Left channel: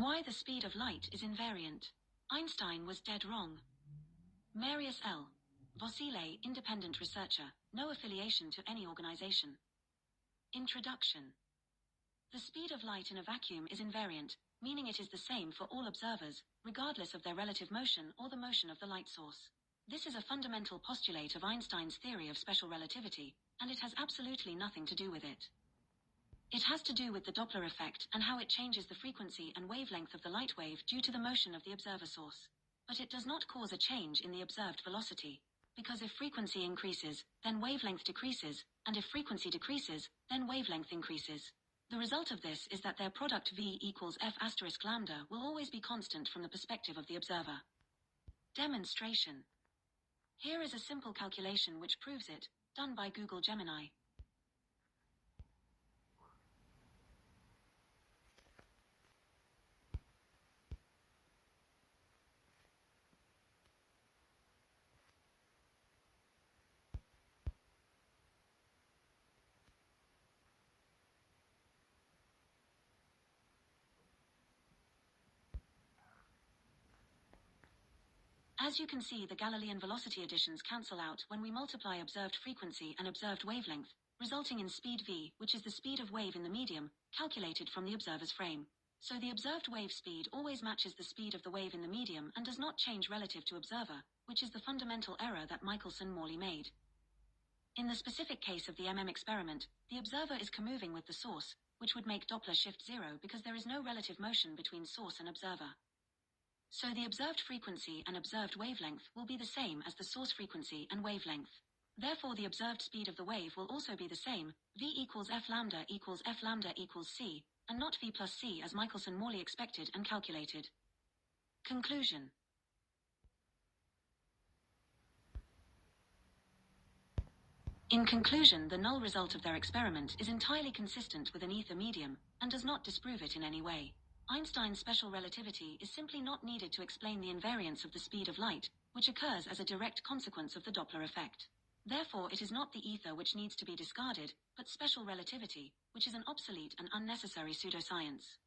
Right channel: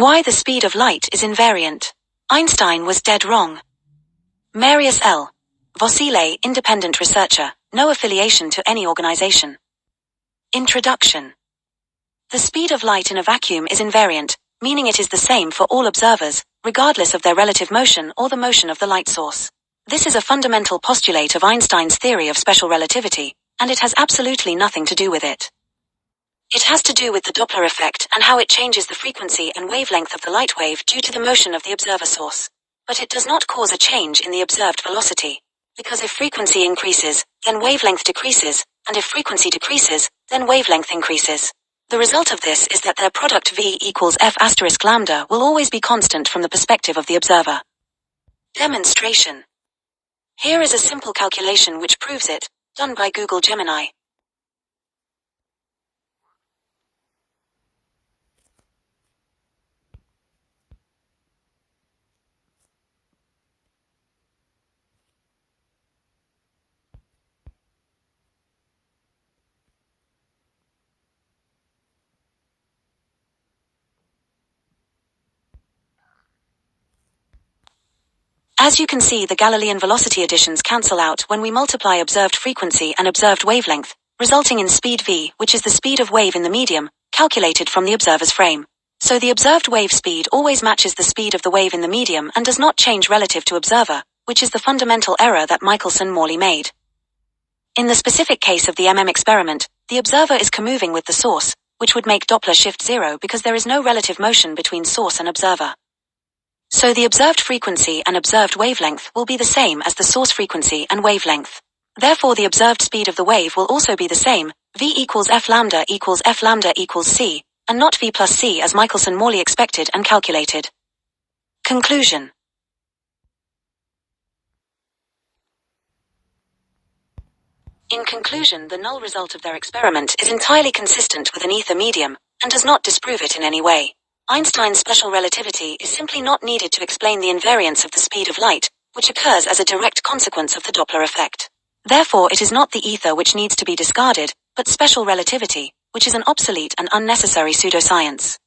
Why the speed of light is invariant. Einstein was dead wrong. Marius L. Vossile, independent researcher, no affiliation to any organization. Introduction. The speed of light in a vacuum is invariant, meaning it is the same for all observers, regardless of their relative motion or the motion of the light source. This is a fundamental postulate of Einstein's theory of special relativity, and it has absolutely nothing to do with it. It has to do with the Doppler effect and how it changes the frequency and wavelength of the light wave due to the motion of the observer source. But it does not cause a change in the observed velocity. Because if frequency increases, then wavelength decreases, and if frequency decreases, then wavelength increases. The result of this is that their product V equals F asterisk lambda will always be constant from the perspective of the observer. Demonstration. Here is a simple calculation which proves it, done by Google Gemini. As you can see, the Galilean velocity additions cancel out when we multiply observed frequency and observed wavelength, resulting in speed v, which is the speed of wave in the medium, calculated from the observer's frame. So the observed wave speed always matches the speed of the wave in the medium and does not change relative to observer, which is the fundamental error that Michelson-Morley made. In the specific case of the experiment, the observer is comoving with the source, which would make Doppler shift 0 because there is no relative motion between source and observer. So the observed frequency and observed wavelength will be the same as the source frequency and wavelength. Therefore the observed speed of the wave will also be the same, v equals f lambda equals c, and not v plus c as Michelson-Morley expected and calculated. Conclusion. In conclusion, the null result of their experiment is entirely consistent with an ether medium, and does not disprove it in any way. Einstein's special relativity is simply not needed to explain the invariance of the speed of light, which occurs as a direct consequence of the Doppler effect. Therefore it is not the ether which needs to be discarded, but special relativity, which is an obsolete and unnecessary pseudoscience.